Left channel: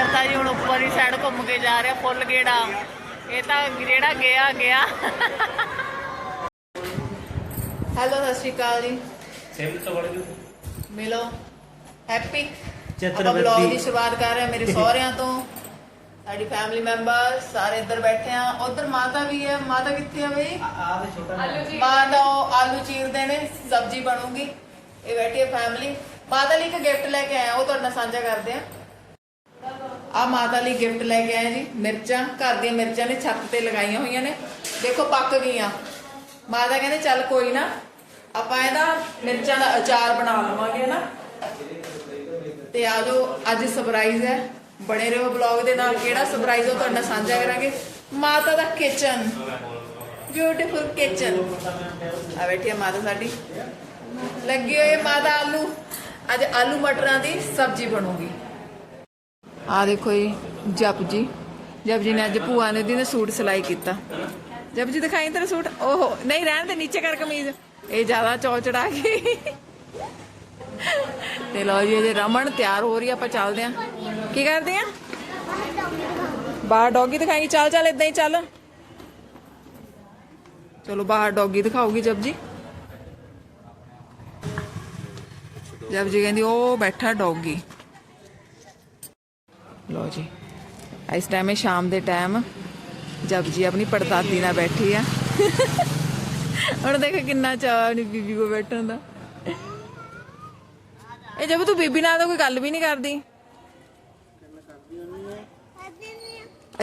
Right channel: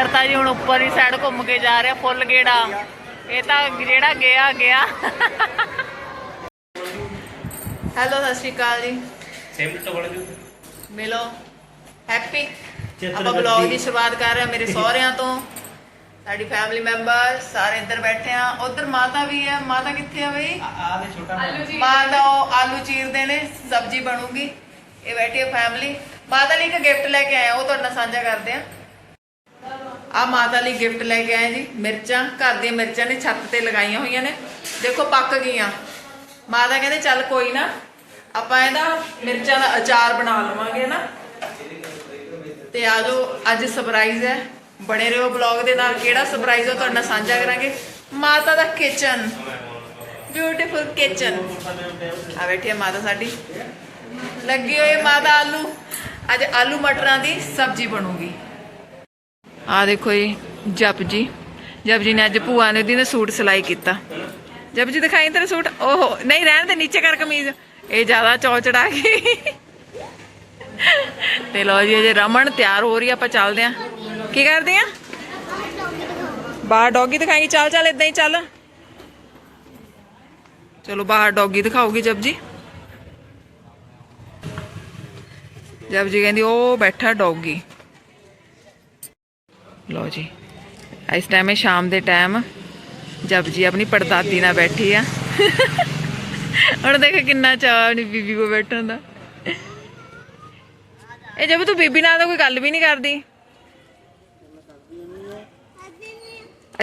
ਨਗਰ ਤਾਂ ਜੀ ਹੁਣ ਉੱਪਰ ਹੀ ਸਾਈਡ ਘੁੰਮ ਕੇ ਜਾ ਰਿਹਾ ਫੁੱਲ ਗੇੜਾ। ਇਹ ਤਾਂ ਜਿਹੜਾ ਗਿਆ ਗਿਆ। ਹੈਲੋ ਸਤਿ ਸ਼੍ਰੀ ਅਕਾਲ ਜੀ। ਸੇਮ ਤਾਂ ਬਣ ਜੂ ਮਿਲੋ। ਹੈਪੀ ਆਪਾਂ ਬਲੌਗ। ਦੀ ਸ਼ੁਰੂਆਤ ਕਰ ਰਹੇ ਹਾਂ ਮੇਰੇ ਸਹੁਰਿਆਂ ਤੋਂ। ਸਾਡੀ ਫੈਮਿਲੀ ਮੈਂਬਰ ਸਾਰੇ ਇੱਧਰ ਬੈਠੇ ਆ ਉਧਰ ਮਾਤਾ ਵੀ ਹੈ। ਮਾਤਾ ਕਿੱਥੇ ਆ ਬਈ? ਆ ਤੇ ਛੋਟਾ ਮਾਤਾ। ਉਹ ਆਲੂ ਚੀਰਦੇ ਨੇ। ਸਬਜ਼ੀ ਬਣੂਗੀ। ਇਹ ਬੈਠੀ ਹੈ ਫੈਮਿਲੀ ਮਾਤਾ ਲਈ ਇੱਕ ਗਿਫਟ ਲੈ ਕੇ ਆਏ ਆ ਉਹ ਤੁਹਾਡੇ ਨਾਲ ਸਾਂਝਾ ਕਰਦੇ ਆ ਆ ਮਾਤਾ ਲਈ ਗਿਫਟ ਲੈ ਕੇ ਆਏ ਜੀ, ਮਿਰਚਾਂ, ਘਰ ਦੀਆਂ ਮਿਰਚਾਂ ਨੇ ਛੱਤ ਤੇ ਲਗਾਈਆਂ ਹੋਈਆਂ ਨੇ। ਦੇਖੋ ਪੱਕ ਗਈਆਂ। ਮਾਤਾ ਕਹਿੰਦੇ ਚੱਲ ਕੋਈ ਨਾ, ਆਪਾਂ ਇਹਦਾ ਮਿਰਚਾਂ ਦਾ ਅਚਾਰ ਬਣਾ ਲਵਾਂਗੇ ਨਾ। ਤੇ ਆਜੋ ਅੱਜ ਸਰਪ੍ਰਾਈਜ਼ ਹੈ। ਬਣੇ ਰਹੋ ਬਲੌਗ ਦੇ ਨਾਲ, ਕਿਹੜਾ ਸਰਪ੍ਰਾਈਜ਼ ਉਹ ਤੁਹਾਡੇ ਸਾਂਝਾ ਕਰਾਂਗੇ। ਮਾਤਾ ਦਾ ਕਿਚਨ ਬਿਊਟੀਫੁਲ ਕਿਚਨ ਆ ਬੈਠੀ ਹੈ ਮਾਤਾ ਸਾਡੀ। ਲੱਗੀ ਹੋਈ ਮਾਤਾ ਆਲੂ। ਅੱਜ ਆਲੂ ਮਟਰਾਂ ਦੀ ਸਬਜ਼ੀ ਬਣੂਗੀ। ਆ ਦੇਖੋ ਜੀ, ਜਪ ਜੀ। ਜਪ ਜੀ ਨੇ ਅੱਜ ਭੂਆ ਨੇ ਦੀ ਨੇ ਸੂਟ ਸਿਲਾਈ ਕੀਤਾ। ਜਪ ਜੀ ਦਿਖਾਈ ਤੇਰਾ ਸੂਟ? ਓਹੋ, ਨਹੀਂ, ਰਹਿਣ ਦੇ, ਨੀਚੇ ਕਰ ਕਮੀਜ਼। ਇਹ ਜ਼ਿਆਦਾ ਚੌ ਚੜਾ ਗਈ ਤੇ ਲੋ ਜੀ, ਅਜੇ ਰਮਨ ਤਿਆਰ ਹੋ ਰਹੀ ਆਪਾਂ ਚੱਲਦੇ ਆ। ਕੀ ਕਰਦੇ ਆ? ਬਾਹਰ ਡੌਗੀ ਦਿਖਾਈ, ਚੱਲ ਚੱਲ ਇਦਾਂ ਹੀ ਚੱਲ। ਚਲੋ, ਬਾਹਰ ਡੌਗੀ ਦਿਖਾਓਗੀ ਜਪ ਜੀ। ਜਪ ਜੀ ਕਹਿੰਦੀ, ਉਹ ਬੈਠਾ ਡੌਗੀ। ਲੋ ਜੀ। ਇਸ ਟਾਈਮ ਹੈ ਸ਼ਾਮ ਦੇ ਟਾਈਮ ਜਪ ਜੀ ਆਪਣੀ ਪੜਦਾਦੀ ਨਾਲ ਬੈਠੀ ਆ। ਹੁਣ ਦੇਖ ਕਿੰਨਾ ਚਾਹ ਆਪਣੀ ਬੀਬੀ ਕੋ ਬੈਠਣ ਦਾ। ਇਹ ਜਬ ਤੂੰ ਬੀਬੀ ਨਾਲ ਤਾਂ ਕੋਈ ਗੱਲ ਵੀ ਨਹੀਂ ਕਰਦੀ?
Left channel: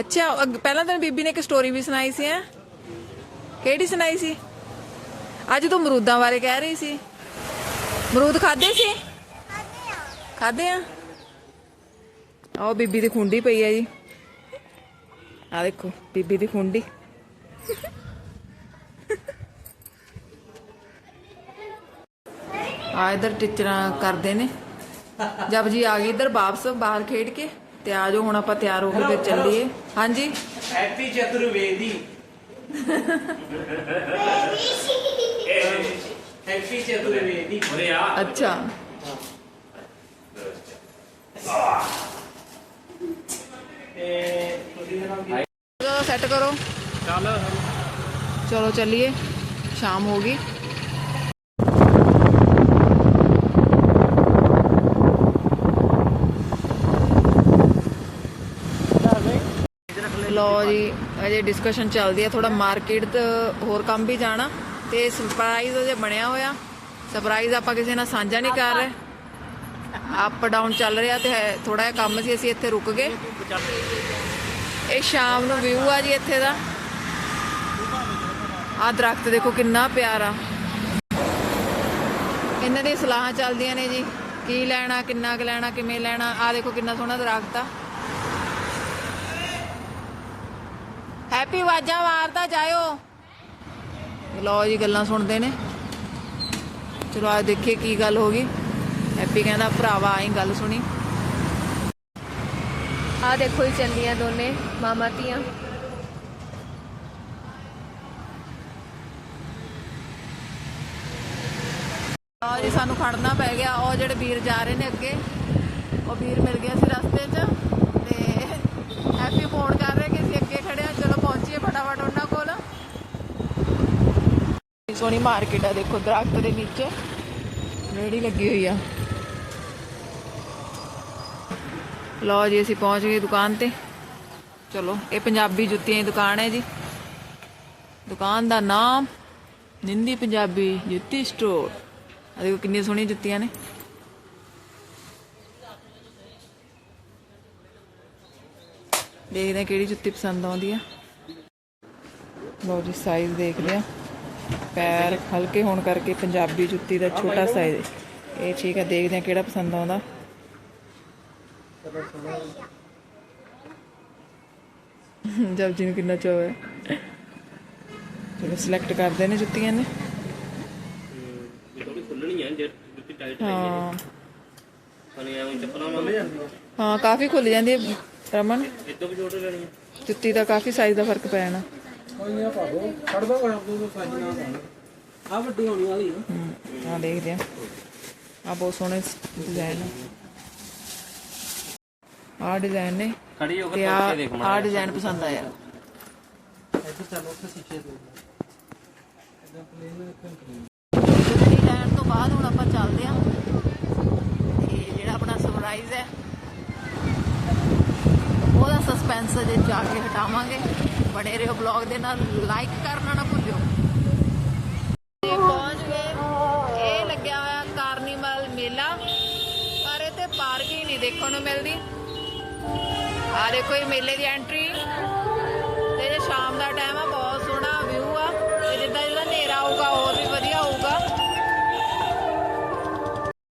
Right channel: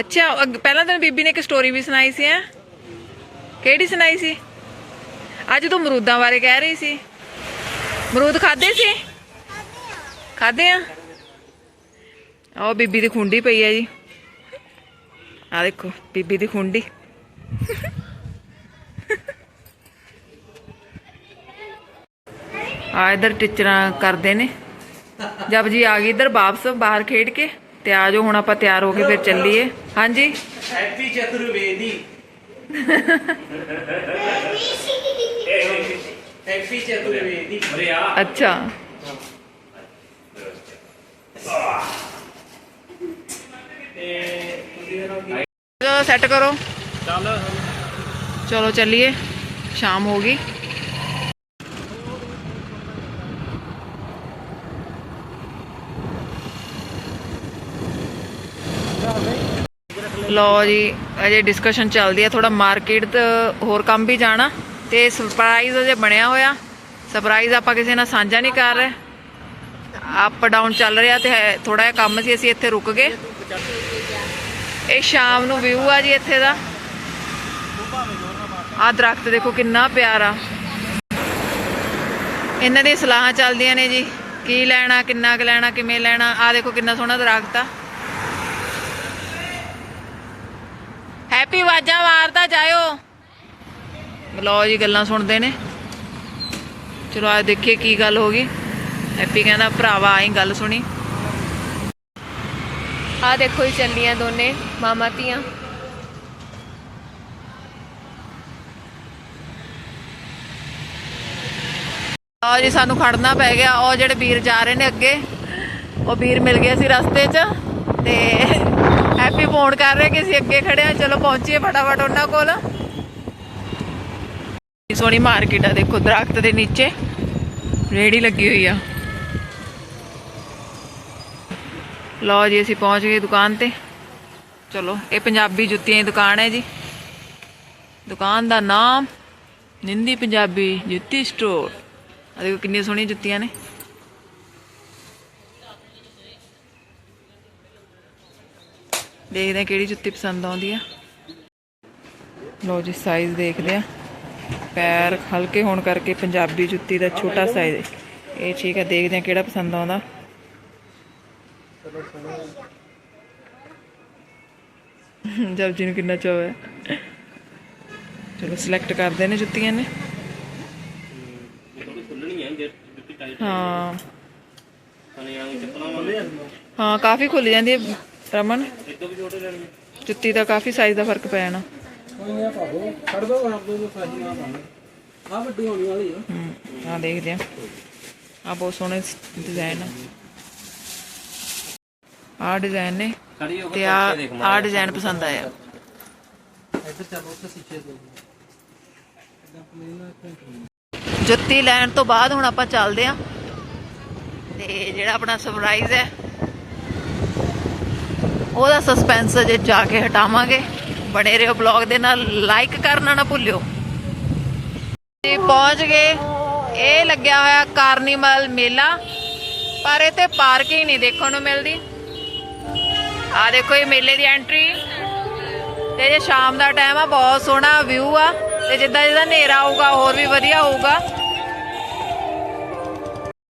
ਅੱਛਾ ਪਹਿਲਾਂ ਤਾਂ ਬੀਬੀ ਨੇ ਇੱਕ ਸਟੋਰੀ ਵੀ ਸੁਣਾਈ ਸੀ, ਹੈ? ਕਿਹੜੀ ਸੁਣਾਈ ਸੀ? ਅੱਜ ਤੂੰ ਮਰੂਦਾਂ ਬਾਰੇ ਕਹਿ ਰਹੀ ਸੀ। ਮਰੂਦ ਖਾਦੇ ਸੀ? ਖਾਦੇ ਆ? ਆਹ ਬੀਬੀ ਦੀ ਖੁੰਡੀ ਪਈ ਹੈ ਜੀ। ਆ ਦੇਖੋ ਬੀਬੀ ਦੀ ਖੁੰਡੀ। ਆ ਇਧਰ ਟੀਚਰਾਂ ਕਰਦੇ ਨੇ। ਜਬ ਜੀ ਆ ਗਈ ਇਧਰ ਵਾਪਸ ਬਾਹਰ ਖੇਡ ਕੇ। ਤੇ ਆ ਜਾਓ ਹੁਣ ਆਪਾਂ ਤਿਆਰ ਹੋ ਕੇ ਫਿਰ ਚੱਲੀਏ। ਹਾਂਜੀ। ਹੈਪੀ ਚਤੁਰਵੇਦੀ। ਹੈਪੀ ਅੱਛਾ। ਤੇ ਤੁਸੀਂ ਸੈੱਟ ਕਰੋ। ਚੱਲ। ਚਲੋ ਚੱਲੀਏ। ਸ਼ਾਮ ਹੋ ਗਈ। ਲੋ ਜੀ ਅਜੇ ਡਿਸਕਸ਼ਨ ਚੱਲਦੀ ਹੈ ਥੋੜਾ ਮਾਰਕੀਟ ਤੇ ਹੋਰ ਕੰਮ ਵੀ ਜਾਣਾ ਤੇ ਸਰਪ੍ਰਾਈਜ਼ ਅਜੇ ਬਣਿਆ ਹੋਇਆ। ਸਰਪ੍ਰਾਈਜ਼ ਆਪਾਂ ਕਿਸੇ ਨਾਲ ਸਾਂਝਾ ਨਹੀਂ ਕਰ ਰਹੇ। ਅਪ ਡਾਊਨ ਚੱਲ ਰਿਹਾ ਤੇ ਥੋੜਾ ਜਿਹਾ ਕੰਮ ਸੀ ਅਸੀਂ ਇੱਥੇ ਰੁਕ ਗਏ। ਇਹ ਸ਼ਾਮ ਨੂੰ ਵਿਊ ਆ ਜੀ ਇੱਥੇ ਦਾ। ਆਹ ਦਰਖਤ ਦੇਖੋ ਕਿੰਨਾ ਪਿਆਰਾ। ਇਹਨਾਂ ਦੀਆਂ ਸਲਾਹਾਂ ਚੱਲਦੀਆਂ ਨੇ ਜੀ, ਕੀ ਲੈਣਾ, ਕਿੰਨਾ ਕੁ ਲੈਣਾ, ਕਿਵੇਂ ਲੈਣਾ ਆਹ ਦੇਖੋ ਕਿੰਨਾ ਸੋਹਣਾ ਦਰਖਤ ਆ। ਹੈਪੀ ਵਾਜਾਂ ਮਾਰਦਾ ਜਾਇਓ। ਲਓ ਜੀ ਗੱਲਾਂ ਸੁਣਦੇ ਨੇ। ਚਲੋ ਆ ਦੇਖੀਏ ਕੀ ਗੱਲ ਹੋ ਗਈ। ਹੈਪੀ ਕਹਿੰਦਾ ਭਰਾਵਾ, ਆਈ ਗੱਲ ਸੁਣੀ। ਆ ਦੇਖੋ ਹੀ ਚੱਲੀਆਂ ਦੋਨੇ, ਮਾਮਾ ਧੀਆਂ। ਆ ਜੀ ਸਾਨੂੰ ਖੜਨਾ ਪੈ ਗਿਆ, ਉਹ ਜਿਹੜੇ ਵੀਰ ਜਾ ਰਹੇ ਨੇ ਅੱਗੇ, ਉਹ ਵੀਰ ਮਿਲ ਗਏ ਸੀ ਰਸਤੇ 'ਚ ਤੇ ਹੈਪੀ ਫੋਨ ਕਰ ਰਹੇ ਕਿ ਅਸੀਂ ਅੱਗੇ ਖੜੇ ਆ ਚਲੋ ਪਹੁੰਚੀਏ ਫਟਾਫਟ ਉਹਨਾਂ ਕੋਲ। ਸੋਹਣੀ ਮਾਰਕੀਟ ਆ, ਦੇਖੋ ਦਰਖਤ ਦੇ ਨੀਚੇ। ਰੇੜੀ ਲੱਗੀ ਹੋਈ ਆ। ਲਓ ਜੀ, ਅਸੀਂ ਪਹੁੰਚ ਗਏ ਦੁਕਾਨ ਤੇ। ਚਲੋ, ਇਹ ਪੰਜਾਬੀ ਜੁੱਤੀਆਂ ਦੀ ਦੁਕਾਨ ਹੈ ਜੀ। ਦੁਕਾਨ ਦਾ ਨਾਮ ਨਿੰਦੀ ਪੰਜਾਬੀ ਜੁੱਤੀ ਸਟੋਰ ਆ ਦੇਖੋ ਕਿੰਨੀਆਂ ਸੋਹਣੀਆਂ ਜੁੱਤੀਆਂ ਨੇ। ਦੇਖਦੇ ਆ ਕਿਹੜੀ ਜੁੱਤੀ ਪਸੰਦ ਆਉਂਦੀ ਆ। ਲਓ ਜੀ ਸਾਈਜ਼ ਦੇਖਦੇ ਆ ਪੈਰ ਹਲਕੇ ਹੋਣ ਕਰਕੇ ਪੰਜਾਬੀ ਜੁੱਤੀ ਦਾ ਛੋਟਾ ਸਾਈਜ਼ ਇਹ ਠੀਕ ਆ ਦੇਖਦੇ ਆ ਕਿਹੜਾ ਪਸੰਦ ਆਉਂਦਾ। ਜਬ ਜੀ ਨੂੰ ਕਿੰਨਾ ਚਾਅ ਹੈ? ਚਲੋ ਸਿਲੈਕਟ ਕਰਦੇ ਨੇ ਜੁੱਤੀਆਂ ਨੇ। ਹਾਂ। ਹਾਂ ਕਾਫੀ ਖੁੱਲ ਜਾਂਦੀ ਹੈ ਰਮਨ। ਜੁੱਤੀ ਦਾ ਕਾਫੀ ਸਾਈਜ਼ ਦਾ ਫ਼ਰਕ ਪੈ ਜਾਣਾ। ਆ ਵੱਡੀ ਹੋਣੀ ਵਾਲੀ ਆ। ਹੂੰ ਦੇਖਦੇ ਆ। ਆ ਬਹੁਤ ਸੋਹਣੇ ਡਿਜ਼ਾਈਨ ਆ। ਆਹ ਡਿਜ਼ਾਈਨ ਨੇ ਖੜੀ ਹੋ ਤੇ ਕੇ ਆ ਦੇਖ ਆ ਡਿਜ਼ਾਈਨ ਪਸੰਦ ਆਇਆ। ਜੁੱਤੀ ਲੈਣ ਤੋਂ ਬਾਅਦ ਹੁਣ ਆਪਾਂ ਚੱਲਦੇ ਆਂ। ਤੇ ਜਿਹੜਾ ਆਪਣਾ ਸਰਪ੍ਰਾਈਜ਼ ਹੈ ਉਹਦਾ ਸਸਪੈਂਸ ਅਜੇ ਜਾ ਕੇ ਹਟਾਵਾਂਗੇ। ਬਣੇ ਰਹੋ ਬਲੌਗ ਦੇ ਨਾਲ ਲਾਈਕ ਕਰਨਾ ਨਾ ਭੁੱਲਿਓ। ਜੀ ਪਹੁੰਚ ਗਏ। ਇਹ ਲੱਗਿਆ ਹੋਇਆ ਕਾਰਨੀਵਲ ਮੇਲਾ ਪਰ ਇੱਥੇ ਪਾਰਕਿੰਗ ਨਹੀਂ ਦੇਖਣ ਨੂੰ ਮਿਲਦੀ। ਆ ਦੇਖੋ ਇਹ ਮੇਲੇ ਦੀ ਐਂਟਰੀ। ਤੇ ਜੇ ਸ਼ਾਮ ਦਾ ਟਾਈਮ ਆ, ਬਹੁਤ ਸੋਹਣਾ ਵਿਊ ਆ। ਤੇ ਜਿੱਦਾਂ ਜਿੱਦਾਂ ਹਨੇਰਾ ਆਊਗਾ, ਹੋਰ ਵੀ ਵਧੀਆ ਹੋਊਗਾ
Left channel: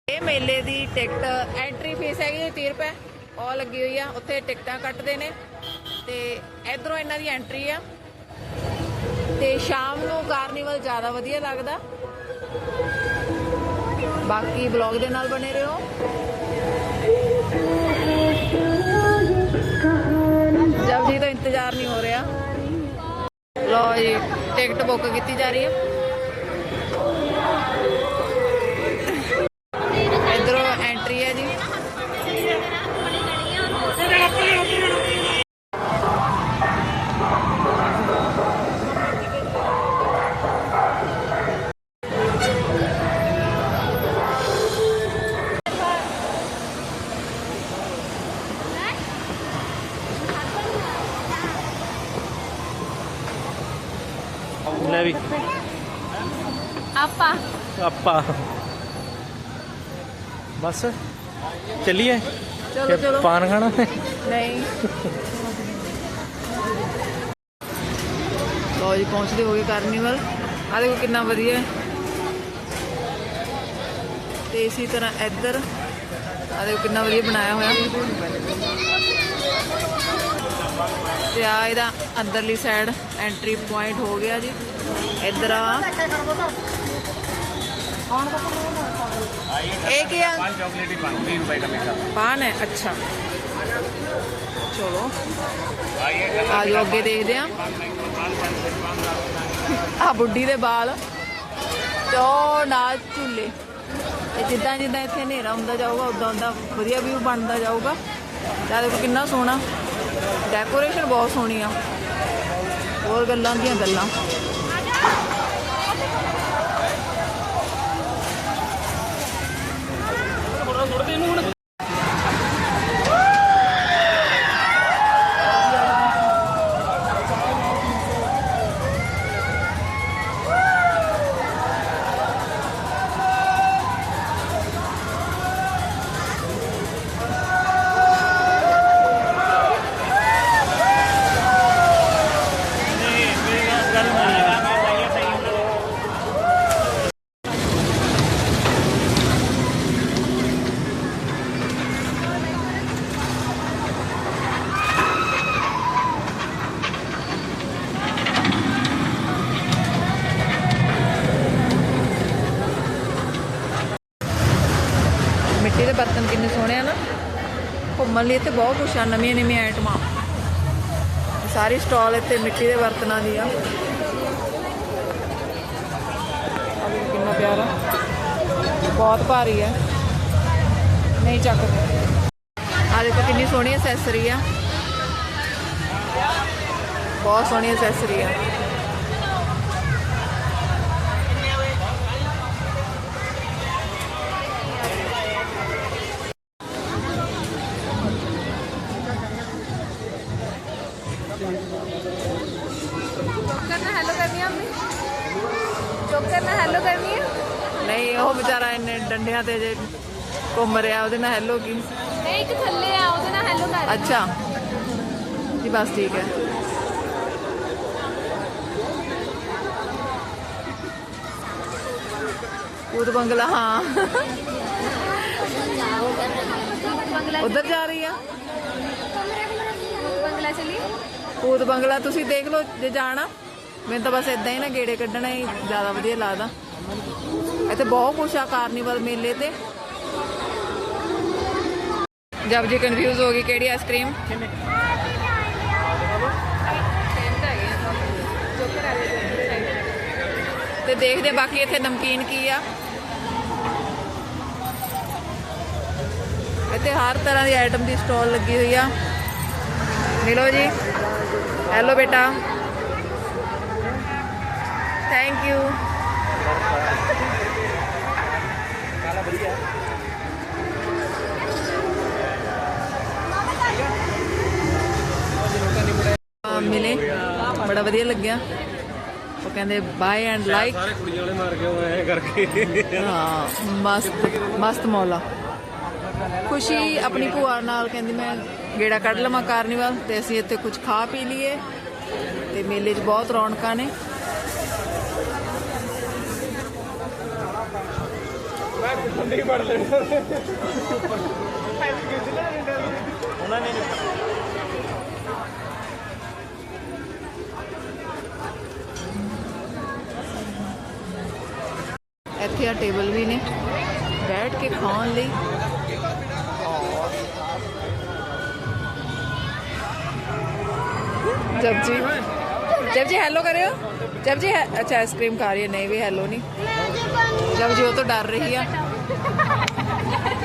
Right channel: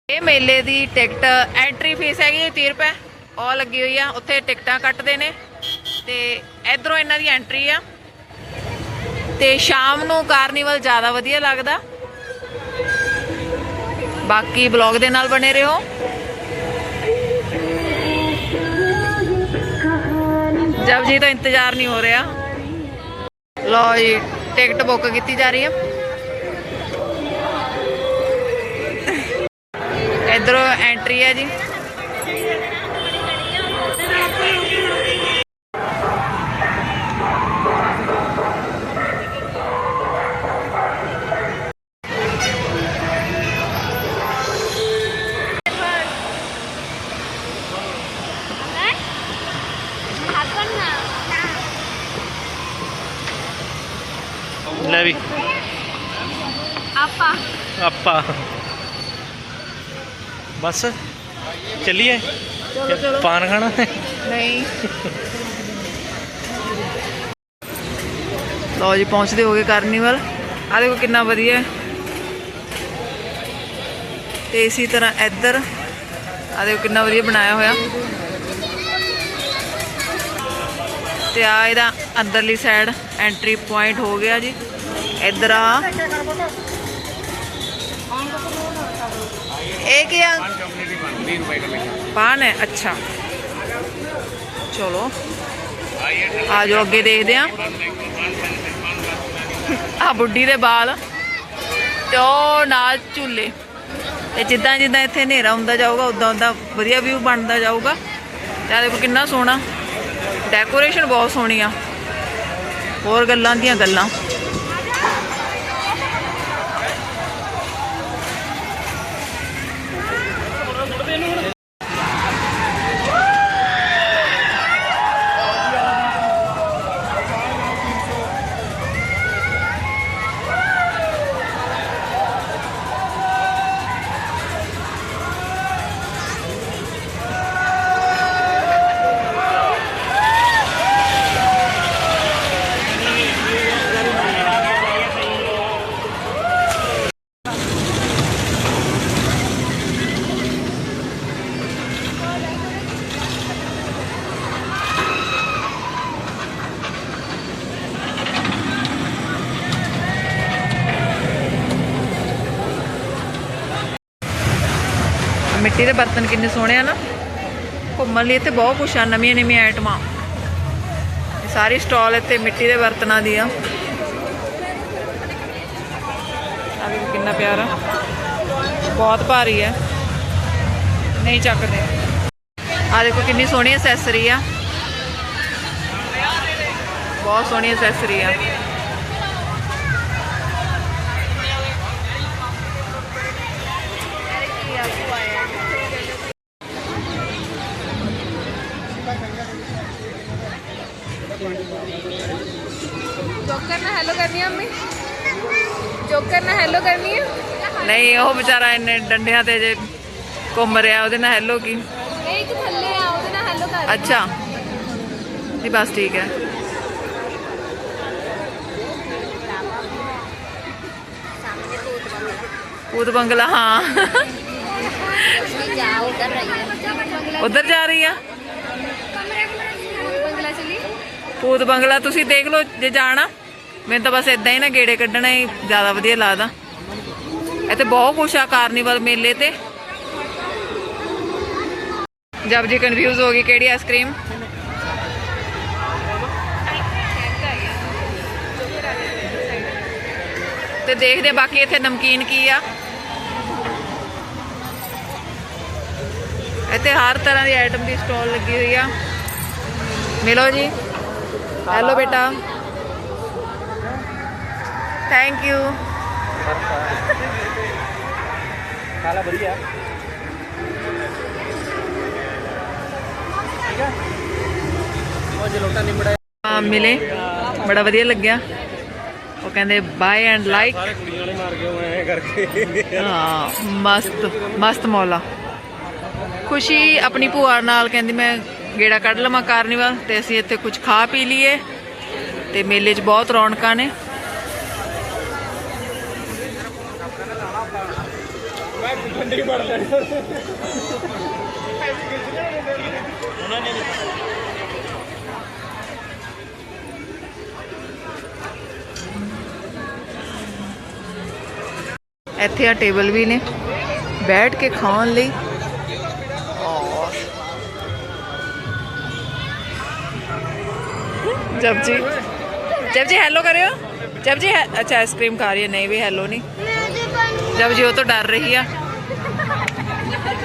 ਇਹ ਮੇਲੇ ਦੀ ਟਿਕਟ ਐਂਟਰੀ ਫੀਸ ਹੈਗੀ 30 ਰੁਪਏ। ਔ ਲੱਗੀ ਹੋਈ ਆ, ਉੱਥੇ ਟਿਕਟਾਂ ਕੱਟਦੇ ਨੇ। ਤੇ ਇਧਰੋਂ ਇਹਨਾਂ ਦੀ ਐਂਟਰੀ ਆ। ਤੇ ਸ਼ਾਮ ਨੂੰ ਕਾਰਨੀਵਲ ਜ਼ਿਆਦਾ ਵਧੀਆ ਲੱਗਦਾ। ਬਾਕੀ ਬਲੌਗ ਦੇ ਨਾਲ ਬਣੇ ਰਹੋ। ਜਬ ਜੀ ਤਾਂ ਇੰਤਜ਼ਾਰ ਨਹੀਂ ਹੋ ਰਿਹਾ। ਲੋ ਜੀ ਟਿਕਟ ਬੁੱਕ ਕੀਤੀ ਜਾ ਰਹੀ ਹੈ ਇਧਰੋਂ ਐਂਟਰੀ ਹੈ ਜੀ। ਆਪਾਂ। ਬਸ ਚੱਲੀਏ? ਚਲੋ ਚਲੋ। ਪਾਨ ਖਾਣਾ? ਨਹੀਂ। ਲੋ ਜੀ ਪਹੁੰਚਦੇ ਹੋਗੇ ਕਾਰਨੀਵਲ ਆ ਦੇਖੋ ਕਿੰਨਾ ਵਧੀਆ ਤੇ ਇਸੇ ਤਰ੍ਹਾਂ ਇੱਧਰ ਆ ਦੇਖੋ ਕਿੰਨਾ ਵਧੀਆ ਬਣਾਇਆ ਹੋਇਆ। ਤੇ ਆ ਇਹਦਾ ਅੰਦਰਲੀ ਸਾਈਡ ਐਂਟਰੀ ਪੁਆਇੰਟ ਹੋ ਗਿਆ ਜੀ। ਇੱਧਰ ਆ ਇਹ ਕੀ ਆ? ਪਾਨ ਹੈ ਅੱਛਾ। ਚਲੋ। ਆ ਜਾਓ ਅੱਗੇ ਦੇਖਦੇ ਆ ਆ ਬੁੱਢੀ ਦੇ ਵਾਲ ਤੇ ਉਹ ਨਾਲ ਝੂਲੇ। ਤੇ ਜਿੱਦਾਂ ਜਿੱਦਾਂ ਇੱਥੇ ਹਨੇਰਾ ਹੁੰਦਾ ਜਾਊਗਾ ਉਦਾਂ ਉਦਾਂ ਵਧੀਆ ਵਿਊ ਬਣਦਾ ਜਾਊਗਾ। ਤੇ ਆਹ ਦੇਖੋ ਕਿੰਨਾ ਸੋਹਣਾ। ਡੈਕੋਰੇਸ਼ਨ ਬਹੁਤ ਸੋਹਣੀ ਆ। ਹੋਰ ਗੱਲਾਂ ਦੀਆਂ ਗੱਲਾਂ। ਮਿੱਟੀ ਦੇ ਬਰਤਨ ਕਿੰਨੇ ਸੋਹਣੇ ਆ ਨਾ। ਘੁੰਮਣ ਲਈ ਇੱਥੇ ਬਹੁਤ ਕੁਛ ਆ, ਨਵੀਆਂ ਨਵੀਆਂ ਆਈਟਮਾਂ। ਇਹ ਸਾਰੀ ਸਟਾਲ ਇੱਥੇ ਮਿੱਟੀ ਦੇ ਬਰਤਨਾਂ ਦੀ ਆ। ਆ ਦੇਖੋ ਕਿੰਨਾ ਪਿਆਰਾ। ਬਹੁਤ ਭਾਰੀ ਹੈ ਨਹੀਂ ਚੱਕਦੇ। ਆ ਦੇਖੋ ਕਿੰਨੀ ਸੋਹਣੀ ਐਸੈਸਰੀ ਆ। ਬਹੁਤ ਸੋਹਣੀ ਐਸੈਸਰੀ ਆ। ਜੋਕਰ ਨਾਲ ਹੈਲੋ ਕਰਨੀ ਆ ਮੰਮੀ? ਜੋਕਰ ਨਾਲ ਹੈਲੋ ਕਰਨੀ ਆ? ਨਹੀਂ ਉਹ ਵਿਚਾਰਾ ਇੰਨੇ ਡੰਡਿਆਂ ਤੇ ਜੇ ਘੁੰਮ ਰਿਹਾ ਉਹਦੇ ਨਾਲ ਹੈਲੋ ਕੀ? ਇਹ ਇੱਕ ਥੱਲੇ ਆ ਉਹਦੇ ਨਾਲ ਹੈਲੋ ਕਰ। ਅੱਛਾ। ਜੀ ਬਸ ਠੀਕ ਹੈ। ਭੂਤ ਬੰਗਲਾ ਹਾਂ। ਉਧਰ ਜਾ ਰਹੀ ਆ ਬੰਗਲਾ ਚਲੀ ਭੂਤ ਬੰਗਲਾ ਤੁਸੀਂ ਦੇਖ ਲਓ, ਜੇ ਜਾਣਾ, ਮੈਨੂੰ ਤਾਂ ਬਸ ਇਦਾਂ ਹੀ ਨਾ ਗੇੜੇ ਕੱਢਣਾ ਹੀ ਜ਼ਿਆਦਾ ਵਧੀਆ ਲੱਗਦਾ। ਇੱਥੇ ਬਹੁਤ ਕੁਛ ਆ ਕਾਰਨੀਵਲ ਮੇਲੇ ਤੇ। ਜਬ ਜੀ ਕਨਫਿਊਜ਼ ਹੋ ਗਈ ਕਿਹੜੀ ਆਈਸਕ੍ਰੀਮ ਤੇ ਦੇਖਦੇ ਬਾਕੀ ਇੱਥੇ ਨਮਕੀਨ ਕੀ ਆ। ਇੱਥੇ ਹਰ ਤਰ੍ਹਾਂ ਦੀ ਆਈਟਮ ਦੀ ਸਟਾਲ ਲੱਗੀ ਹੋਈ ਆ। ਮਿਲੋ ਜੀ। ਹੈਲੋ ਬੇਟਾ ਥੈਂਕ ਯੂ ਆ ਮਿਲੇ। ਬੜਾ ਵਧੀਆ ਲੱਗਿਆ। ਉਹ ਕਹਿੰਦੇ ਬਾਏ ਐਂਡ ਲਾਈਕ ਸਾਰੇ ਕੁੜੀਆਂ ਵਾਲੇ ਮਾਰ ਕੇ ਐ ਕਰਕੇ। ਹਾਂ ਮਸਤ ਮਸਤ ਮੌਲਾ। ਖੁਸ਼ੀ ਆਪਣੀ ਭੂਆ ਨਾਲ ਕਹਿੰਦੀ ਮੈਂ ਗੇੜਾ ਕੱਢ ਲਵਾਂ ਕਾਰਨੀਵਲ ਤੇ ਅਸੀਂ ਇੱਥੇ ਕੁਝ ਖਾ ਪੀ ਲਈਏ ਤੇ ਮੇਲੇ 'ਚ ਬਹੁਤ ਰੌਣਕਾਂ ਨੇ। ਇੱਥੇ ਆ ਟੇਬਲ ਵੀ ਨੇ, ਬੈਠ ਕੇ ਖਾਣ ਲਈ। ਔਰ ਜਬ ਜੀ जब जी हेलो करियो जब जी है- अच्छा आइसक्रीम खा रही है नहीं भी हेलो नहीं जब जी वो तो डर रही है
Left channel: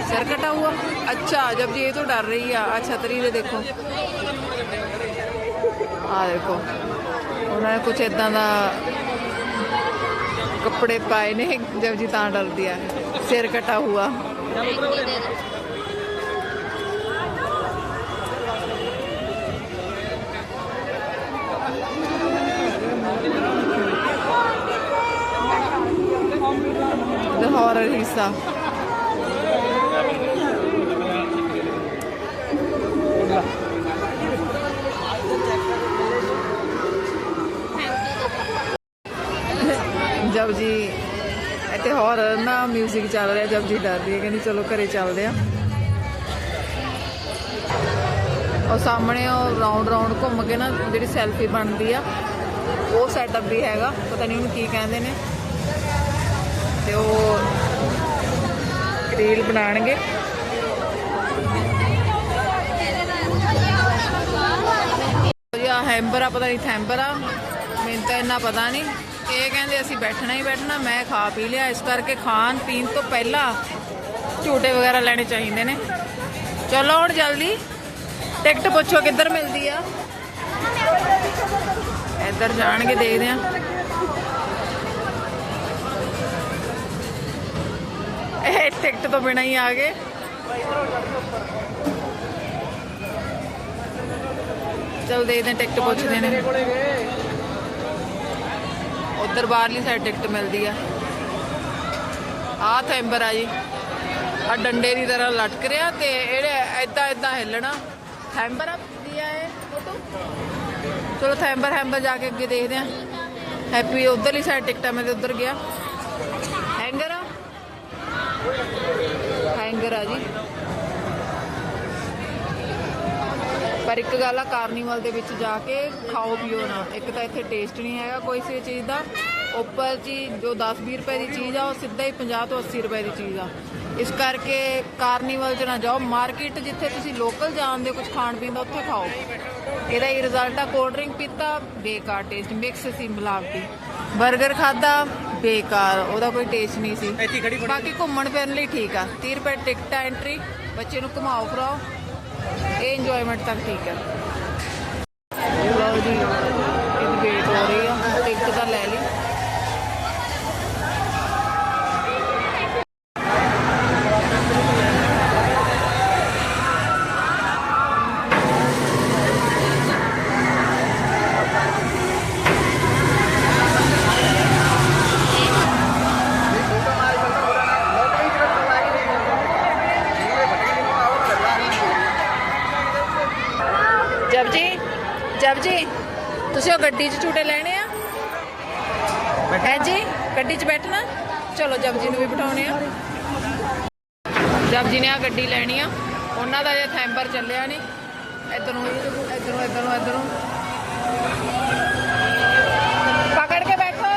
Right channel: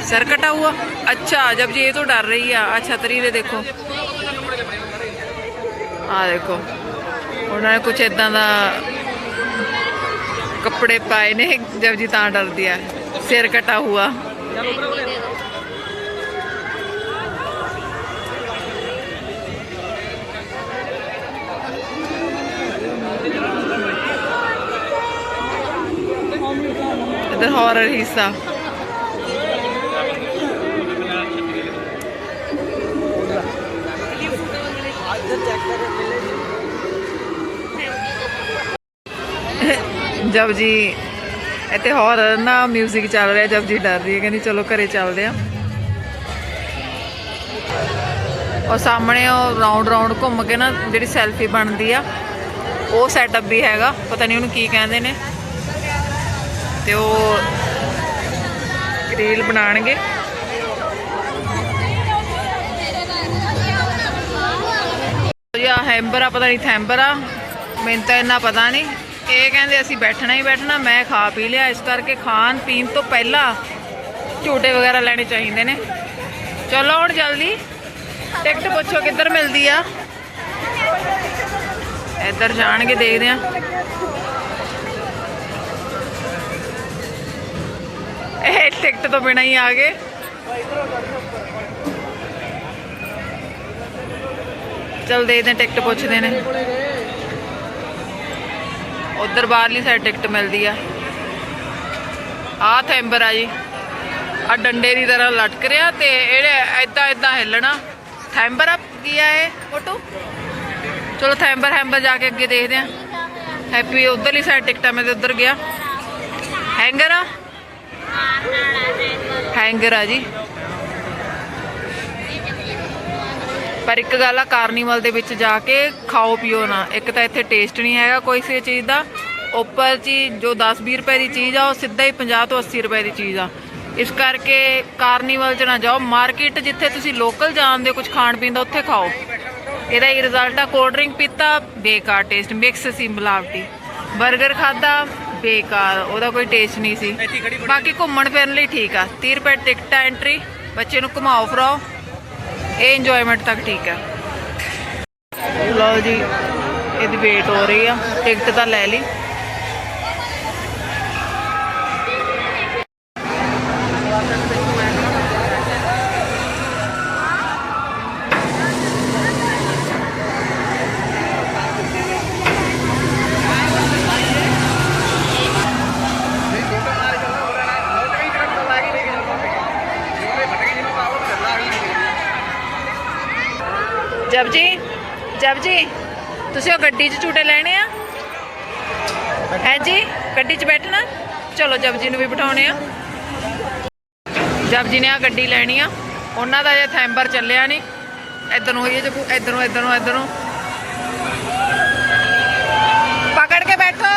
सर कटा हुआ अच्छा जब जी ये तो डर रही है आ छतरी ਦੇ ਦੇਖੋ ਆ ਦੇਖੋ ਉਹਨਾਂ ਨੇ ਕੁਝ ਇਦਾਂ ਦਾ ਕੱਪੜੇ ਪਾਏ ਨੇ ਜਬ ਜੀ ਤਾਂ ਡਰਦੀ ਆ ਸਿਰ ਕਟਾ ਹੁਆ the horror hissa. ਜਬ ਜੀ ਇੱਥੇ ਹੋਰ ਨਾ 뮤직 ਚੱਲ ਰਿਹਾ ਜਬ ਜੀ ਡਰ ਰਹੀ ਹੈ, ਕਹਿੰਦੀ ਚਲੋ ਘਰੇ ਚੱਲਦੇ ਆ ਔਰ ਸਾਹਮਣੇ ਉਹ ਰਾਉਂਡ ਰਾਉਂਡ ਘੁੰਮ ਕੇ ਨਾ ਜਿਹੜੀ ਸੈਲਫੀ ਬਣਦੀ ਆ, ਉਹ ਸੈਟਅਪ ਵੀ ਹੈਗਾ, ਪਤਾ ਨਹੀਂ ਉਹਨੂੰ ਕੀ ਕਹਿੰਦੇ ਨੇ। ਤੇ ਉਹ ਰੀਲ ਬਣਾਣਗੇ ਜੀ ਹੈਂਬਰ ਆ, ਪਤਾ ਨਹੀਂ ਥੈਂਬਰ ਆ। ਮੈਨੂੰ ਤਾਂ ਇੰਨਾ ਪਤਾ ਨਹੀਂ। ਇਹ ਕਹਿੰਦੇ ਅਸੀਂ ਬੈਠਣਾ ਹੀ ਬੈਠਣਾ, ਮੈਂ ਖਾ ਪੀ ਲਿਆ। ਇਸ ਕਰਕੇ ਖਾਣ ਪੀਣ ਤੋਂ ਪਹਿਲਾਂ ਝੂਟੇ ਵਗੈਰਾ ਲੈਣੇ ਚਾਹੀਦੇ ਨੇ। ਚਲੋ ਹੁਣ ਜਲਦੀ। ਟਿਕਟ ਪੁੱਛੋ ਕਿੱਧਰ ਮਿਲਦੀ ਆ। ਇੱਧਰ ਜਾਣਗੇ, ਦੇਖਦੇ ਆ। ਇਹ ਟਿਕਟ ਤੋਂ ਬਿਨਾਂ ਹੀ ਆ ਗਏ। ਚਲ ਦੇਖਦੇ ਹਾਂ, ਟਿਕਟ ਪੁੱਛਦੇ ਨੇ। ਉਧਰ ਬਾਹਰਲੀ ਸਾਈਡ ਟਿਕਟ ਮਿਲਦੀ ਆ। ਆ ਥੈਂਬਰ ਆ ਜੀ। ਆ ਡੰਡੇ ਦੀ ਤਰ੍ਹਾਂ ਲਟਕ ਰਿਹਾ ਤੇ ਇਹਦੇ ਐਦਾਂ ਐਦਾਂ ਹਿੱਲਣਾ। ਥੈਂਬਰ ਆ, ਕੀ ਆ ਇਹ, ਫੋਟੋ? ਚਲੋ ਥੈਂਬਰ ਹੈਂਬਰ ਜਾ ਕੇ ਅੱਗੇ ਦੇਖਦੇ ਆ ਹੈਪੀ ਉਧਰਲੀ ਸਾਈਡ ਟਿਕਟਾਂ ਮੈਂ ਤੇ ਉਧਰ ਗਿਆ। ਹੈਂਗਰ ਆ। ਹੈਂਗਰ ਆ ਜੀ। ਪਰ ਇੱਕ ਗੱਲ ਆ ਕਾਰਨੀਵਲ ਦੇ ਵਿੱਚ ਜਾ ਕੇ ਖਾਓ ਪੀਓ ਨਾ। ਇੱਕ ਤਾਂ ਇੱਥੇ ਟੇਸਟ ਨਹੀਂ ਹੈਗਾ ਕੋਈ ਸੇ ਚੀਜ਼ ਦਾ। ਉੱਪਰ ਚੀਜ਼ ਜੋ 10-20 ਰੁਪਏ ਦੀ ਚੀਜ਼ ਆ, ਉਹ ਸਿੱਧਾ ਹੀ 50 ਤੋਂ 80 ਰੁਪਏ ਦੀ ਚੀਜ਼ ਆ। ਇਸ ਕਰਕੇ ਕਾਰਨੀਵਲ 'ਚ ਨਾ ਜਾਓ। ਮਾਰਕੀਟ ਜਿੱਥੇ ਤੁਸੀਂ ਲੋਕਲ ਜਾਣਦੇ ਹੋ ਕੁਝ ਖਾਣ ਪੀਣ ਦਾ, ਉੱਥੇ ਖਾਓ। ਇਹਦਾ ਹੀ ਰਿਜ਼ਲਟ ਆ ਕੋਲਡ ਡਰਿੰਕ ਪੀਤਾ, ਬੇਕਾਰ ਟੇਸਟ ਮਿਕਸ ਸੀ ਮਿਲਾਵਟੀ। 버ਗਰ ਖਾਦਾ ਬੇਕਾਰ ਉਹਦਾ ਕੋਈ ਟੇਸਟ ਨਹੀਂ ਸੀ। ਬਾਕੀ ਘੁੰਮਣ ਫਿਰਨ ਲਈ ਠੀਕ ਆ। 30 ਰੁਪਏ ਟਿਕਟ ਆ ਐਂਟਰੀ ਬੱਚੇ ਨੂੰ ਘੁਮਾਓ ਫਿਰਾਓ ਇਹ ਇੰਜੋਇਮੈਂਟ ਤੱਕ ਠੀਕ ਹੈ ਲਓ ਜੀ ਇਹਦੀ ਵੇਟ ਹੋ ਰਹੀ ਆ। ਟਿਕਟ ਤਾਂ ਲੈ ਲਈ। ਤੁਸੀਂ ਉਹ ਗੱਡੀ 'ਚ ਝੂਟੇ ਲੈਣੇ ਆ? ਹੈ ਜੀ? ਗੱਡੀ 'ਚ ਬੈਠਣਾ? ਚਲੋ ਜਬ ਜੀ ਨੂੰ ਵੀ ਬਿਠਾਉਣੇ ਆ। ਜਬ ਜੀ ਨੇ ਆ ਗੱਡੀ ਲੈਣੀ ਆ। ਉਹਨਾਂ ਦਾ ਜੇ ਥੈਂਬਰ ਚੱਲਿਆ ਨਹੀਂ। ਇਧਰ ਨੂੰ ਹੋਈਏ ਇਧਰ ਨੂੰ ਇਧਰ ਨੂੰ ਇਧਰ। ਨੂੰ ਪਕੜ ਕੇ ਬੈਠੋ।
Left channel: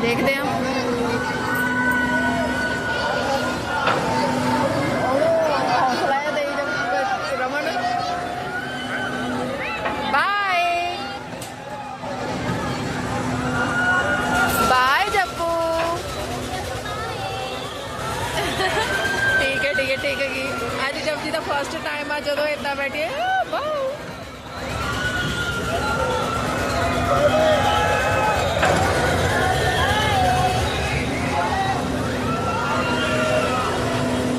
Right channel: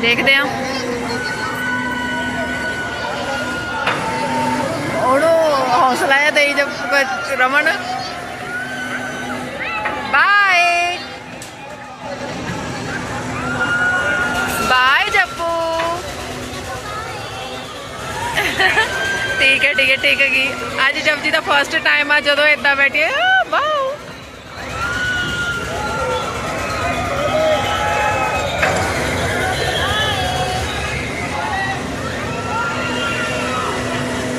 ਦੇਖਦੇ ਆ। ਉਹਨੂੰ ਹੌਸਲਾ ਜਿਹਾ ਦੇਈ ਜਬ ਰਮਨ। ਠੀਕ ਹੈ ਠੀਕ ਹੈ ਠੀਕ ਹੈ ਜੀ। ਅੱਜ ਜਪਜੀ ਦਾ ਫਰਸਟ ਟਾਈਮ ਆ, ਜਦੋਂ ਇਦਾਂ ਬੈਠੇ ਵਾਓ।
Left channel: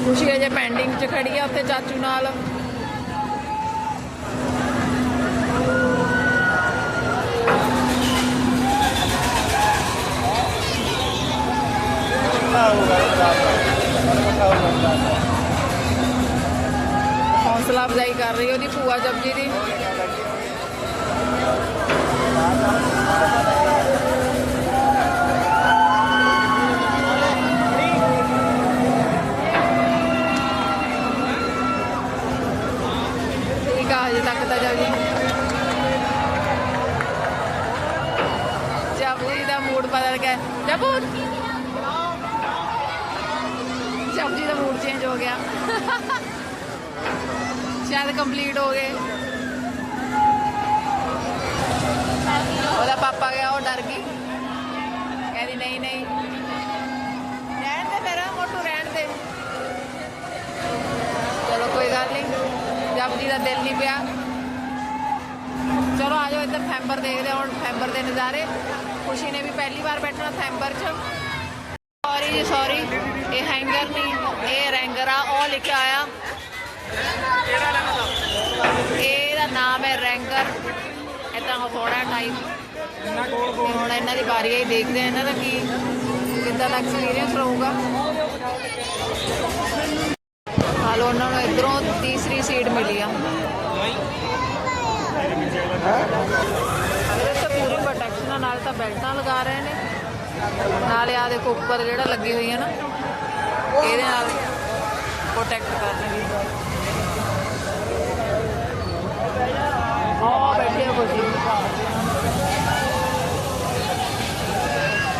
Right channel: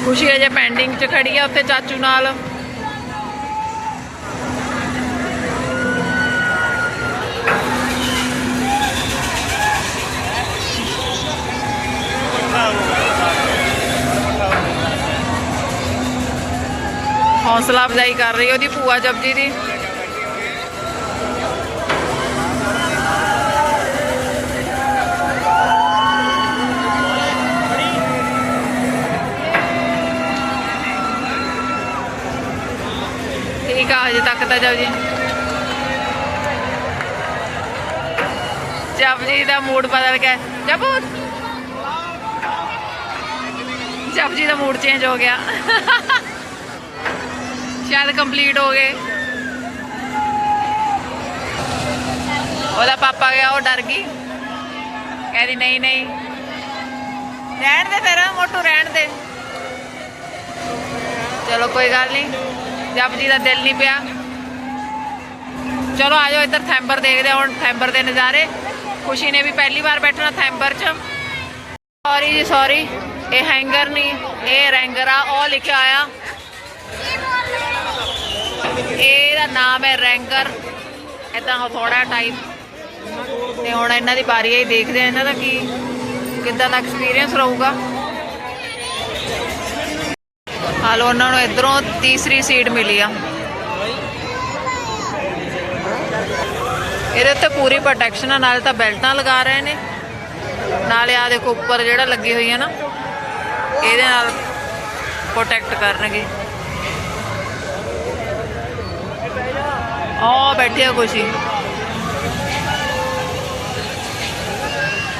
ਖੁਸ਼ੀ ਅਜੇ ਪੈਂਡਿੰਗ ਚ ਖੜੀ ਆ, ਉੱਥੇ ਚਾਚੂ ਨਾਲ। ਹੌਸਲਾ ਅਫਜ਼ਾਈ ਕਰ ਰਹੀ ਉਹਦੀ ਭੂਆ ਜਪਜੀ ਦੀ। ਠੀਕ ਆ, ਹਜੇ ਤੱਕ ਤਾਂ ਜਪਜੀ ਜਪਜੀ ਦਾ ਮੂਡ ਬਦਲ ਗਿਆ। ਜਪੂ ਜਪਜੀ ਦਾ ਮੂਡ ਚੇਂਜ ਹੋ ਗਿਆ। ਸ਼ਾਇਦ ਕੰਪਲੀਟ ਹੋ ਗਏ। ਉਹਦਾ ਪਾਪਾ ਗਿਆ, ਉਹ ਡਰ ਗਈ। ਕਹਿੰਦੀ, ਨਹੀਂ ਨਹੀਂ। ਰਹਿਣ ਦੇ ਫਿਰ, ਮੋਟੂ, ਰਹਿਣ ਦੇ। ਚਲੋ, ਕੋਈ ਗੱਲ ਨਹੀਂ। ਜਪ ਜੀ ਦਾ ਦਿਲ ਨਹੀਂ ਪਿਆ। ਚਲੋ ਆਜੋ ਇੱਧਰ ਥੈਂਬਰ ਦੇਖਦੇ ਹੁਣ ਥੈਂਬਰ ਦੇ ਨਜ਼ਾਰੇ। ਖੁਸ਼ੀ ਨੇ ਵੀ ਪਹਿਲੀ ਵਾਰ ਬੈਠਣਾ ਥੈਂਬਰ 'ਚ। ਸੌਰੀ ਜੀ ਸੌਰੀ ਇਹ ਹੈਂਗਰ ਨਹੀਂ, ਇਹ ਰੈਂਗਰ ਆ, ਉਹ ਲਿਖਿਆ ਆਇਆ ਇਹਦਾ ਨਾਮ ਹੈ ਰੈਂਗਰ। ਇਦਾਂ ਹਥੋੜਾ ਟਾਈਪ ਤੇ ਹੁਣ ਇਹਨਾਂ ਦੀ ਵਾਰੀ ਆਈ ਦੇਖਦੇ ਆ ਇਹਨਾਂ ਦਾ ਕੀ, ਕਿੱਦਾਂ ਦਾ ਐਕਸਪੀਰੀਅੰਸ ਰਹੂਗਾ। ਹਾਲ ਉਹਨਾਂ ਨੂੰ ਇਧਰੋਂ ਤੀਸਰੀ ਸੀਟ ਮਿਲੀ ਆ। ਇਹਦੇ ਉੱਤੇ ਪੂਰੀ ਪ੍ਰੋਟੈਕਸ਼ਨ ਆ, ਨਾਲੇ ਤਾਂ ਬੈਲਟਾਂ ਲਗਾ ਰਹੇ ਨੇ। ਨਾਲੇ ਆ ਦੇਖੋ, ਉੱਪਰ ਜਿਹੜਾ ਲੱਗੀ ਹੋਈ ਹੈ ਨਾ, ਇਹਦੇ ਨਾਲ ਪ੍ਰੋਟੈਕਟ ਕਰਨਗੇ। ਆ ਬੈਠੇ ਆ ਖੁਸ਼ੀ।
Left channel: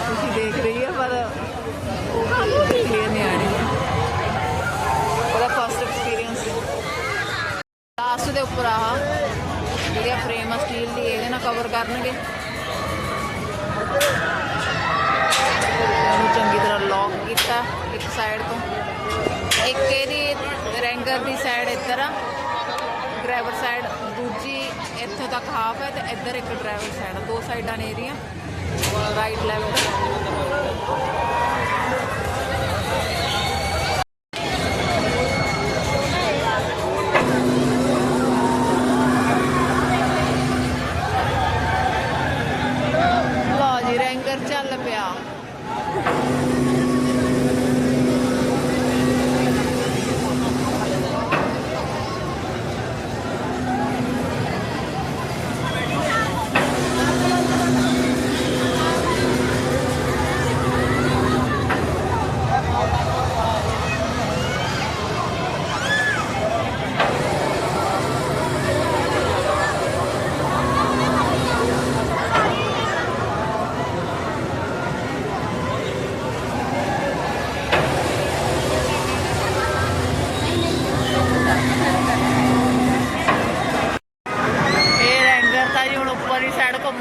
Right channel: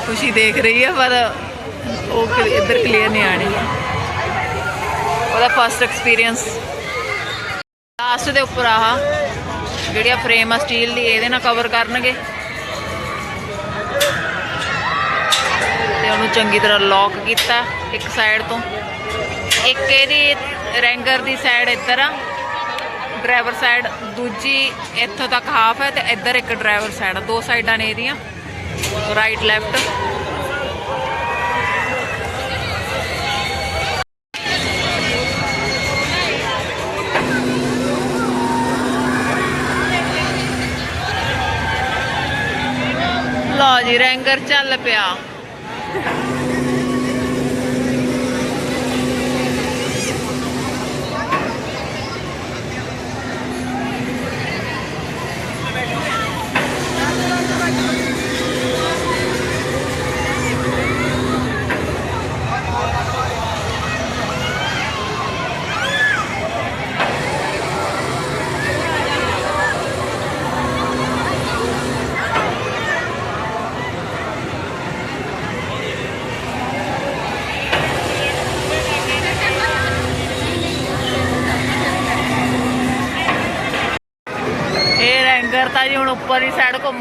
ਖੁਸ਼ੀ ਦੇਖ ਰਹੀ ਹੈ ਪਰ ਉਹ ਇੱਧਰ ਕਲੀਅਰ ਨਹੀਂ ਆਣੀ ਉਹਦਾ ਫਸਟ ਐਕਸਪੀਰੀਅੰਸ ਲਾਸਟ ਦੇ ਉੱਪਰ ਆਹ, ਜਿਹੜੀਆਂ ਫਰੇਮ ਆ ਸਟੀਲ ਦੀ, ਇਹਦੇ ਨਾਲ ਕਵਰ ਕਰਨਗੇ। ਤੇ ਉਹਨੂੰ ਚੰਗੀ ਤਰ੍ਹਾਂ ਲੌਕ ਕੀਤਾ ਇੱਕ ਸਾਈਡ ਤੋਂ। ਇੱਕ ਇਹਦੀ ਰੈਂਗਰ ਦੀ ਸਾਈਡ ਇੱਧਰ ਆ। ਡਰਾਈਵਰ ਸਾਈਡ ਦੂਜੀ ਇੱਥੋਂ ਤੱਕ ਹਾਫ ਹੈ ਤੇ ਇੱਧਰ ਇੱਕ ਡਰਾਈਵਰ ਸਾਈਡ ਦੋ ਸਾਈਡਾਂ ਨੇ ਇਹਦੀਆਂ ਰਾਈਟ ਲੈਫਟ ਲਓ ਜੀ, ਰੈਂਗਰ ਚੱਲ ਪਿਆ।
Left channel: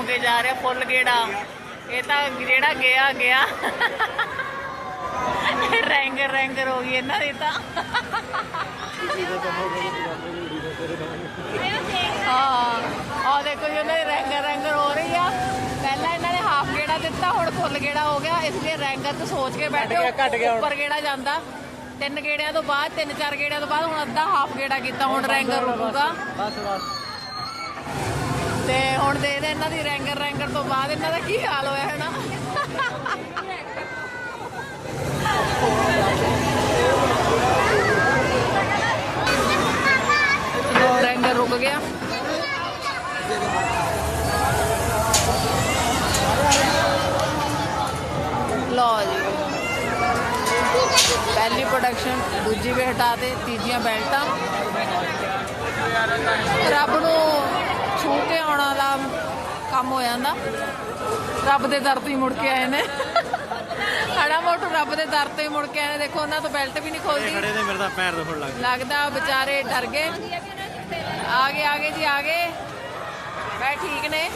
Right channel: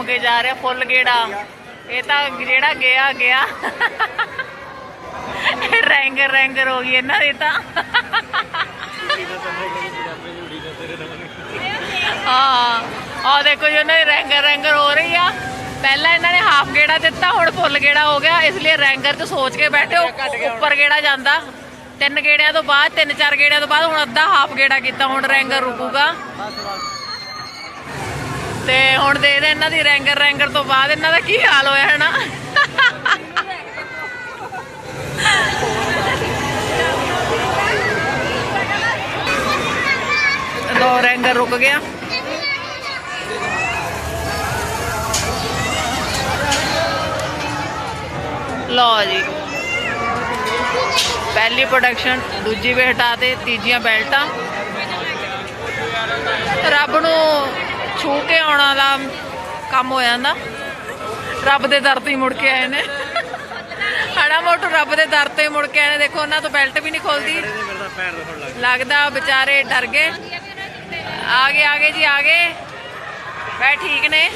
ਕੇ ਜਾ ਰਿਹਾ ਫੁੱਲ ਗੇੜਾ। ਇਹ ਤਾਂ ਜਿਹੜਾ ਗਿਆ ਗਿਆ। ਰੈਂਗਰ ਰੈਂਗਰ ਹੋ ਗਈ ਇਹਨਾਂ ਦੀ ਤਾਂ। ਹਾਂ ਆ ਦੇਖੋ ਜੀ ਉਹਨਾਂ ਦੀ ਰੈਂਗਰ ਰੈਂਗਰ ਹੋ ਰਹੀ ਆ। ਪਹਿਲਾਂ ਇਹਨਾਂ ਨੇ ਹਾਫ ਗੇੜਾ ਦਿੱਤਾ ਹੁਣ ਫੁੱਲ ਗੇੜਾ ਹੋ ਗਿਆ। ਇਸ ਲਈ ਰੈਂਗਰ 'ਚ ਸੋਚ ਕੇ ਬੈਠੇ ਉੱਪਰ ਗੇੜਾ ਜਾਂਦਾ। ਤਿੰਨ ਗੇੜਿਆਂ ਤੋਂ ਬਾਅਦ ਤਿੰਨ ਚਾਰ ਗੇੜਿਆਂ ਤੋਂ ਬਾਅਦ ਹੁਣ ਅੱਧਾ ਹਾਫ ਗੇੜਾ ਕੀਤਾ ਹੁਣ ਰੈਂਗਰ ਰੁਕੂਗਾ। ਤੇ ਹੁਣ ਦੇਖਦੇ ਇਹਨਾਂ ਦੀ ਰੈਂਗਰ ਰੈਂਗਰ ਤੋਂ ਬਾਅਦ ਇਹਨਾਂ ਦਾ ਕੀ ਹਾਲ ਹੋਇਆ ਹੈ ਨਾ? ਦੋ ਰੈਂਗਰ ਰੁਕ ਗਿਆ। ਲਓ ਜੀ। ਪਹਿਲੀ ਪ੍ਰੋਡਕਸ਼ਨ ਦੂਜੀ ਵੀ ਹਟਾ ਦੇ ਤੀਜੀਆਂ ਬੈਲਟਾਂ। ਰੱਬ ਨੂੰ ਛੂ ਕੇ ਆਉਣਾ ਦਾ ਕੰਮ ਹੋ ਜਾਂਦਾ। ਰੱਬ ਦੇ ਦਰ ਤੋਂ ਹੀ ਮੁੜ ਕੇ ਆਏ ਨੇ। ਹੜਾ ਮੋਟੂ ਰੱਬ ਦੇ ਦਰ ਤੋਂ ਹੀ ਮੁੜ ਕੇ ਆਏ ਨੇ। ਦੇਖੋ, ਉਹਨਾਂ ਤੋਂ ਬੈਲਟ ਵੀ ਨਹੀਂ ਖੋਲਦੀ। ਲੱਗਦਾ ਵਿਚਾਰੇ ਡਰ ਗਏ। ਆ ਗਏ ਆ ਗਏ ਜੀ, ਆ ਗਏ। ਬੈ ਠੀਕ ਨੇ।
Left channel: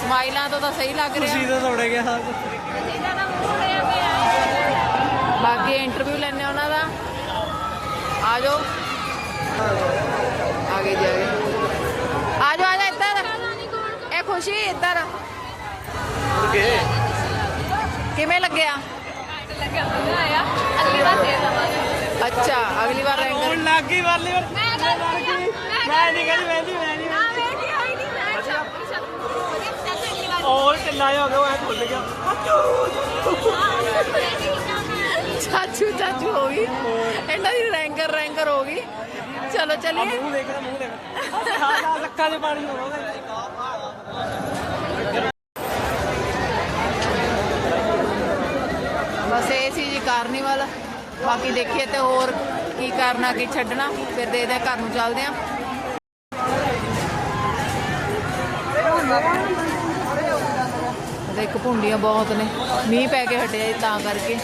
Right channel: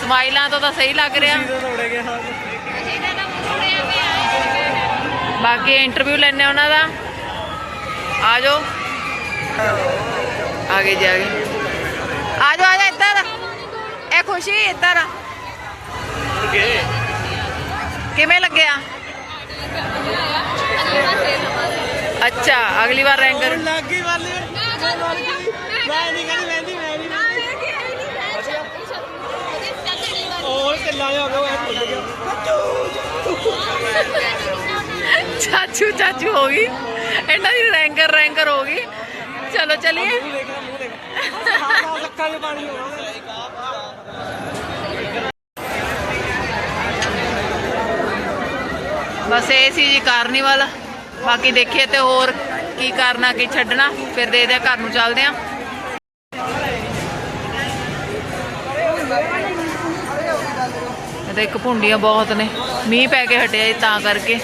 ਸਮਾਈਲਾਂ ਤੋਂ ਤਾਂ ਸਹੀ ਲੱਗ ਰਿਹਾ। ਬਾਕੀ ਇੰਟਰਵਿਊ ਲੈਣੇ ਉਹਨਾਂ ਦਾ। ਆ ਜਾਓ। ਆ ਗਏ ਜੀ, ਆ ਗਏ। ਆ ਜਾਓ ਆ ਜਾ ਇੱਧਰ ਇਹ ਖੁਸ਼ੀ ਇੱਧਰ ਆ। ਕਿਵੇਂ ਲੱਗਿਆ ਅਗਲੀ ਵਾਰ ਫੇਰ ਲਵਾਂਗੇ ਅੱਛਾ ਅਗਲੀ ਵਾਰ ਰੈਂਕਰ ਲੱਗੀ ਵਾਲੀ ਮੈਂ ਗੱਲ ਮੈਂ ਮੈਂ ਨਹੀਂ ਪਾਣੀ ਆਉਂਦਾ ਬਸ ਇਹ ਸੀ ਜੀ ਕਾਰਨੀਵਲ। ਬਾਕੀ ਦੇਖੀਏ ਤੇ ਹੋਰ ਕੀ ਕਰਨਾ ਕੀ ਛੱਡਣਾ। ਫਿਰ ਦੇਖਦੇ ਆ, ਘਰ ਨੂੰ ਚੱਲਦੇ ਆ। ਇਹ ਇੱਕ ਭੁੰਡੀਆਂ ਬਹੁਤ ਨੇ। ਮੀਂਹ ਪੈ ਕੇ ਹਟਿਆ ਜੀ ਤਾਂ ਕਰਕੇ।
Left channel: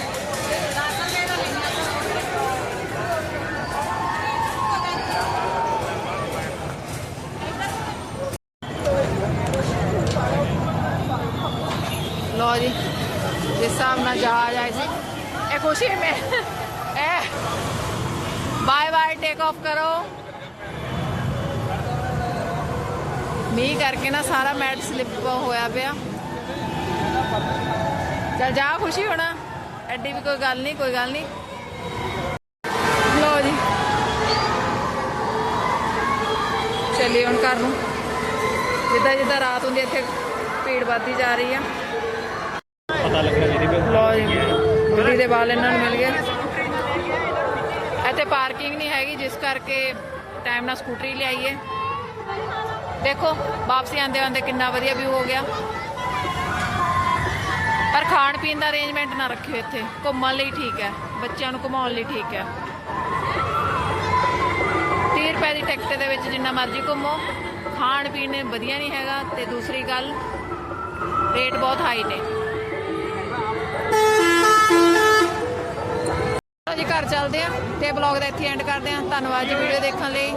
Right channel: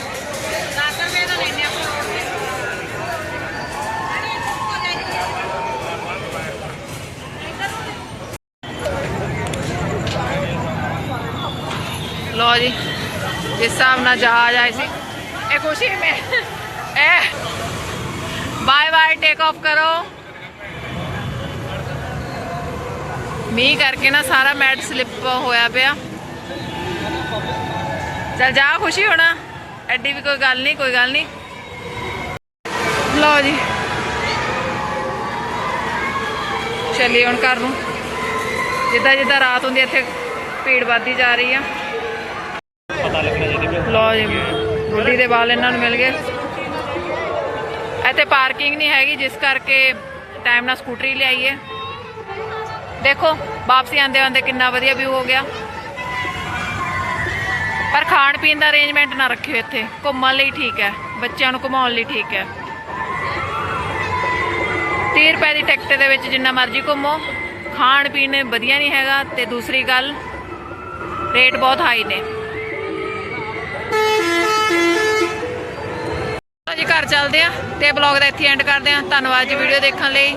ਲੋ ਜੀ ਜਿਸ ਹਿਸਾਬ ਨਾਲ ਜਹਾਜ਼ ਆਏ ਸੀ। ਇਹ ਖੁਸ਼ੀ ਮੈਂ। ਇਹ ਬਾਏ ਬਾਏ ਟੇਕ ਆਫ ਕਰੋ। ਮੀਂਹ ਕਰਕੇ ਨਾ ਸਾਰਾ ਮੈਟ ਸਲਿੱਪ ਹੋਇਆ ਪਿਆ। ਚਲ ਜਾ ਖੁਸ਼ੀ ਹੋਣਾ। ਐਡੀ ਵੀ ਕੋਈ ਗੱਲ ਨਹੀਂ ਕੋਈ ਗੱਲ ਨਹੀਂ। ਲਓ ਜੀ। ਚੱਲੀਏ ਹੁਣ ਘਰ ਨੂੰ। ਜਿੱਦਾਂ ਜਿੱਦਾਂ ਰਾਤ ਹੁੰਦੀ ਹੈ, ਇੱਥੇ ਭੀੜ ਵੱਧਦੀ ਜਾ ਰਹੀ ਆ। ਲਓ ਜੀ ਬੁੱਢੀ ਦੇ ਵਾਲ ਇਹਨਾਂ ਨੂੰ ਮਿਲ ਗਏ। ਇੱਥੇ ਪਾਰਕਿੰਗ ਨਹੀਂ ਹੈਗੀ, ਜਿਸ ਕਰਕੇ ਟਾਈਮ ਨਾਲ ਸਕੂਟਰੀ ਲਿਆਈਏ। ਦੇਖੋ, ਵਾਪਸੀ ਆਂਦੇ ਆਂਦੇ ਕਿੰਨਾ ਵਧੀਆ ਵਿਊ ਹੋ ਗਿਆ। ਪਰ ਖਾਣ ਪੀਣ ਦਾ ਅਰੇਂਜਮੈਂਟ ਨਾ ਰੱਖਿਓ ਇੱਥੇ। ਘੁੰਮਣ ਲਈ ਠੀਕ ਹੈ, ਬੱਚਿਆਂ ਨੂੰ ਘੁਮਾਉਣ ਲਈ ਠੀਕ ਹੈ। 30 ਰੁਪਏ ਦੀ ਟਿਕਟ ਦੇ ਵਿੱਚ ਜਿੰਨਾ ਮਰਜ਼ੀ ਘੁੰਮੋ। ਖਾਣ ਪੀਣ ਵਧੀਆ ਨਹੀਂ ਹੈਗਾ, ਤੇ ਦੂਸਰੀ ਗੱਲ ਰੇਟ ਬਹੁਤ ਹਾਈ ਨੇ। ਜੀ ਘਰ ਚੱਲਦੇ ਆ ਤੇ ਬਲੌਗ ਦਾ ਇੱਥੇ ਐਂਡ ਕਰਦੇ ਆ ਧੰਨਵਾਦ ਜੀ ਵੀਡੀਓ ਦੇਖਣ ਲਈ।